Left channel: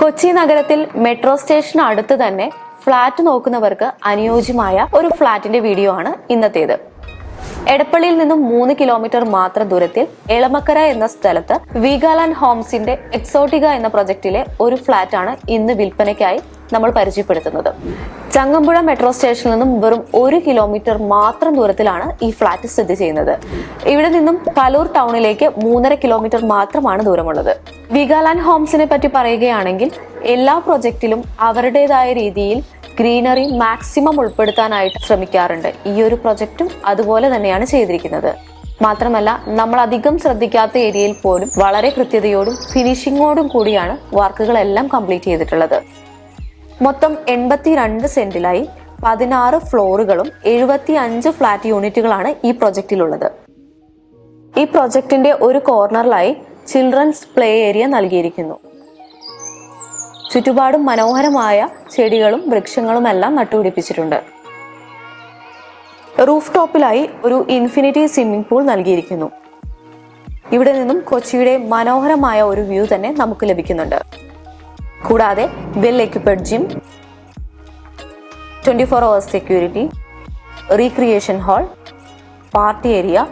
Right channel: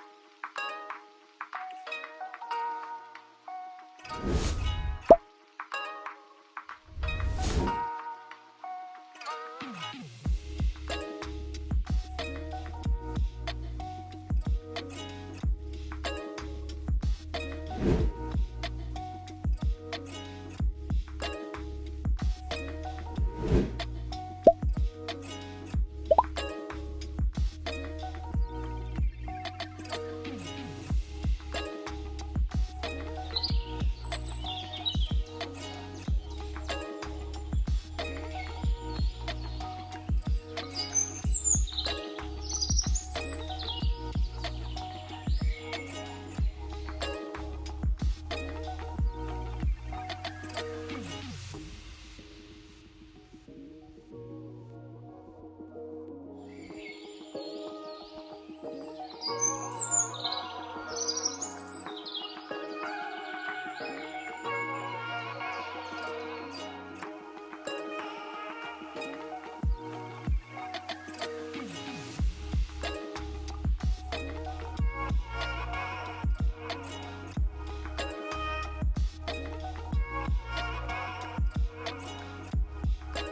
കൊച്ചി നഗരത്തിൽ മെട്രോ സ്റ്റേഷന് അടുത്ത് തന്നെ ഫ്ളാറ്റ് നോക്കുന്നവർക്ക് അനുയോജ്യമായ ഒരു ഫ്ളാറ്റിന്റെ വീഡിയോ ആണ് ഇന്നത്തേത്. എടപ്പള്ളിയിൽ നിന്നും മൂന്ന് കിലോമീറ്റർ മാത്രം ദൂരത്തിൽ എളമക്കര എന്ന സ്ഥലത്ത് വീഗാലാൻഡ് ഹോംസിന്റെ എക്സോട്ടിക എന്ന പ്രൊജക്ടിലെ ഒരു ഫ്ളാറ്റ് ആണ് ഇന്ന് വിൽപ്പനയ്ക്കായി നമ്മൾ പരിചയപ്പെടുത്തുന്നത്. ചങ്ങമ്പുഴ മെട്രോ സ്റ്റേഷനിൽ നിന്നും വെറും ഒരു കിലോമീറ്റർ മാത്രം ദൂരത്തിലാണ് ഈ ഫ്ളാറ്റ് സ്ഥിതി ചെയ്യുന്നത്. ഇവിടെ നിന്നും കലൂർ ടൗണിലേക്ക് മൂന്നര കിലോമീറ്റർ മാത്രമാണ് ദൂരമുള്ളത്. വിഗാലാൻഡ് ഹോംസിനെ പറ്റി പറയുകയാണെങ്കിൽ എല്ലാ പ്രൊജക്റ്റിലും അവരുടേതായ രീതിയിൽ ഗ്രീനറി മാക്സിമം ഉൾപ്പെടുത്താനായിട്ട് ശ്രമിക്കാറുണ്ട്. ഈ ഒരു പ്രൊജക്റ്റും അതുപോലെ തന്നെയാണ് ചെയ്തിരിക്കുന്നത്. മാത്രമല്ല നമ്മൾ അധികം ശ്രദ്ധിക്കാത്ത ഏരിയയിൽ പോലും വളരെ കൃത്യതയോടും ഫിനിഷിങ്ങോടും കൂടിയാണ് വർക്കുകളെല്ലാം കംപ്ലീറ്റ് ചെയ്തിട്ടുള്ളത്. മൊത്തം എൺപത്തിരണ്ട് സെന്റിലായി പതിനാറ് ഫ്ലോറുകളും എഴുപത്തി അഞ്ച് ഫ്ലാറ്റ് യൂണിറ്റുകളാണ് ഈ പ്രൊജക്റ്റിലുള്ളത്. ഈ പ്രൊജക്ടിന്റെ ഒരു കോർണറിലായി ചിൽഡ്രൻസ് പ്ലേ ഏരിയ നൽകിയിരിക്കുന്നു. ചുറ്റുപാടും മനോഹരമായ ചെടികളും വൃക്ഷങ്ങളും എല്ലാം നട്ടുപിടിപ്പിച്ചിട്ടുണ്ട്. റൂഫ് ടോപ്പിലായി ഒരു ഇൻഫിനിറ്റി സ്വിമ്മിംഗ് പൂൾ നൽകിയിരിക്കുന്നു. ഇവിടെ നിന്നും കൊച്ചിയുടെ മനോഹരമായ ഒരു വ്യൂ തന്നെ നമുക്ക് ലഭിക്കുന്നുണ്ട്. കൂടാതെ well equipped gym twenty four hours security recreation hall party area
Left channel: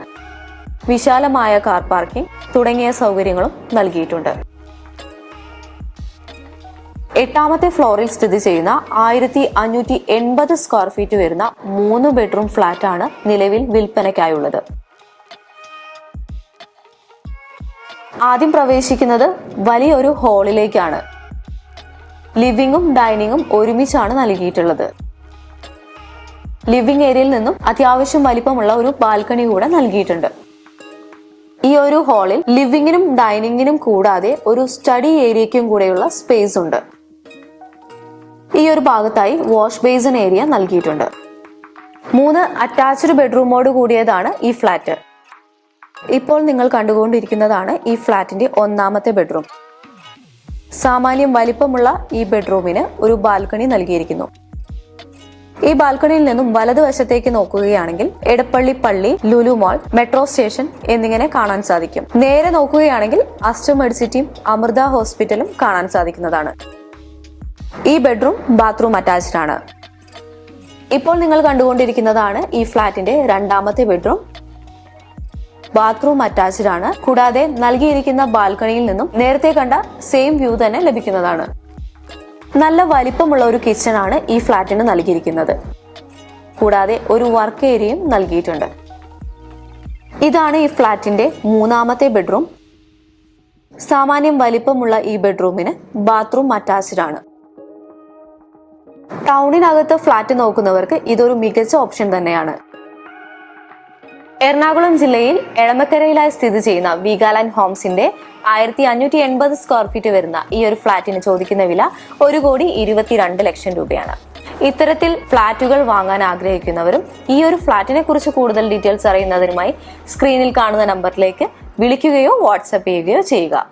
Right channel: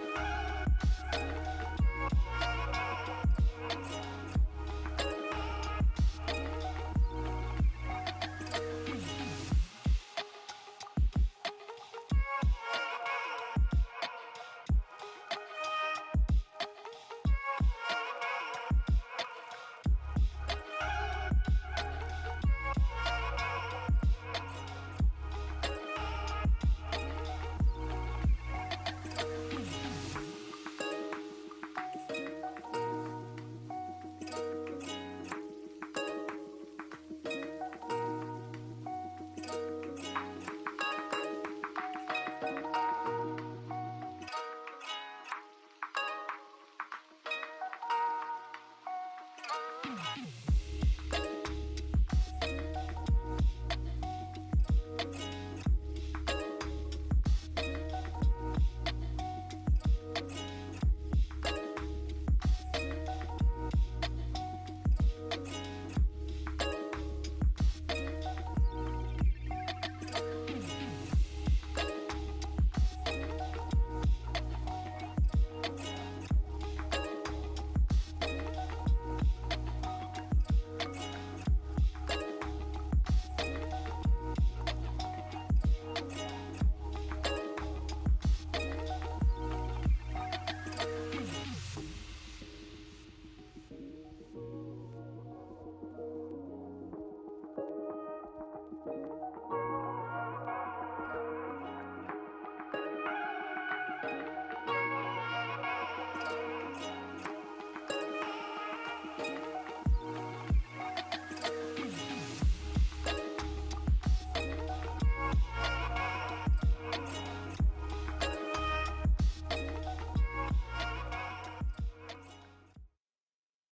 വിശാലമായ കാർ പാർക്കിംഗ് തുടങ്ങിയ സൗകര്യങ്ങളും നൽകിയിട്ടുണ്ട്. എട്ടാമത്തെ ഫ്ലോറിൽ സ്ഥിതി ചെയ്യുന്ന ആയിരത്തി അഞ്ഞൂറ്റി എൺപത് സ്ക്വയർ ഫീറ്റ് വരുന്ന മൂന്ന് ബെഡ്റൂം ഫ്ലാറ്റ് ആണ് നിലവിൽ വിൽപ്പനയ്ക്കായുള്ളത്. ആദ്യം പ്രവേശിക്കുന്നത് വലിയൊരു ഹാളിലേക്കാണ്. ലിവിംഗും ഡൈനിങ്ങും ഒരുമിച്ചാണ് നൽകിയിട്ടുള്ളത്. ലിവിംഗ് ഏരിയയിൽ നിന്നും അത്യാവശ്യം വലിപ്പമുള്ള ഒരു ബാൽക്കണി കൂടെ നൽകിയിട്ടുണ്ട്. ഈ ഒരു ഹാളിൽ ലിവിങ്ങിനും ഡൈനിങ്ങിനും കൂടാതെ ഒരു സ്റ്റഡി ഏരിയയ്ക്കും കൂടെയുള്ള സ്പേസ് ഉണ്ട്. ഈ ഒരു ഭാഗത്തായി വാഷ് ബേസിൻ ഏരിയ നൽകിയിട്ടുണ്ട്. മൂന്ന് അറ്റാച്ച്ഡ് ബെഡ്റൂമോട് കൂടിയതാണ് ഈ ഫ്ലാറ്റ്. ഇപ്പോൾ നിങ്ങൾ കണ്ടുകൊണ്ടിരിക്കുന്നതാണ് ഈ ഫ്ലാറ്റിന്റെ ഒന്നാമത്തെ ബെഡ്റൂം. സാമാന്യം വലിപ്പമുള്ള ഈ ബെഡ്റൂമിന് ഒരു ബാൽക്കണി നൽകിയിരിക്കുന്നു. ഈ ബാൽക്കണിയിൽ നിന്നും വലതുവശത്തേക്ക് നോക്കുകയാണെങ്കിൽ എടപ്പള്ളി പള്ളി ലുലു മാൾ മെട്രോ സ്റ്റേഷൻ എന്നിങ്ങനെ കാണാൻ സാധിക്കും. നേരെ നോക്കുകയാണെങ്കിൽ അസ്റ്റർ മെഡിസിറ്റിയും അമൃത ഹോസ്പിറ്റലും കാണാൻ സാധിക്കുന്നതാണ്. ഈ ബെഡ്റൂം ബാത്റൂം അറ്റാച്ച്ഡ് ആണ്. ഇപ്പോൾ നിങ്ങൾ കണ്ടുകൊണ്ടിരിക്കുന്നതാണ് ഈ ഫ്ലാറ്റിന്റെ രണ്ടാമത്തെ ബെഡ്റൂം. ബാത്റൂം അറ്റാച്ച്ഡ് ആണ്. കൂടാതെ നൽകിയിരിക്കുന്ന ബാൽക്കണിയിൽ നിന്നും നേരത്തെ കണ്ട സെയിം വ്യൂ തന്നെ ലഭിക്കുന്നതാണ്. നല്ല വലിപ്പമുള്ള ഒരു കിച്ചൺ ആണ് ഈ ഫ്ലാറ്റിന് നൽകിയിരിക്കുന്നത്. കൂടാതെ ഒരു വർക്ക് ഏരിയയും നൽകിയിട്ടുണ്ട്. ഇതാണ് ഈ ഫ്ലാറ്റിന്റെ മൂന്നാമത്തെ ബെഡ്റൂം സാമാന്യം വലിപ്പമുള്ള ഈ ബെഡ്റൂമിന് ബാത്റൂം അറ്റാച്ച്ഡ് ആണ്. ടൗണിനകത്ത് ഫ്ലാറ്റ് നോക്കുന്നവർക്ക് ഇതൊരു മികച്ച ഓപ്ഷൻ തന്നെയാണ്. എറണാകുളം ജില്ലയിൽ എളമക്കരയിലായി സ്ഥിതി ചെയ്യുന്ന വീഗാലാൻഡ് ഹോംസിന്റെ ആയിരത്തി അഞ്ഞൂറ്റി എൺപത് സ്ക്വയർ ഫീറ്റ് വരുന്ന ഈ ഒരു ഫ്ളാറ്റിന് ചോദിക്കുന്ന വില ഒരു കോടി ഇരുപത്തിരണ്ട് ലക്ഷം രൂപയാണ്. ഇത്തരത്തിൽ ഫ്ളാറ്റുകൾ വാങ്ങാൻ ആഗ്രഹിക്കുന്നവരും ഈ ഒരു ഫ്ളാറ്റിനെ കുറിച്ച് കൂടുതൽ ഡീറ്റെയിൽസ് അറിയുന്നതിനുമായി സ്ക്രീനിൽ കാണുന്ന നമ്പറിലേക്ക് വിളിക്കുകയോ വാട്സപ്പ് ചെയ്യുകയോ ചെയ്യുക.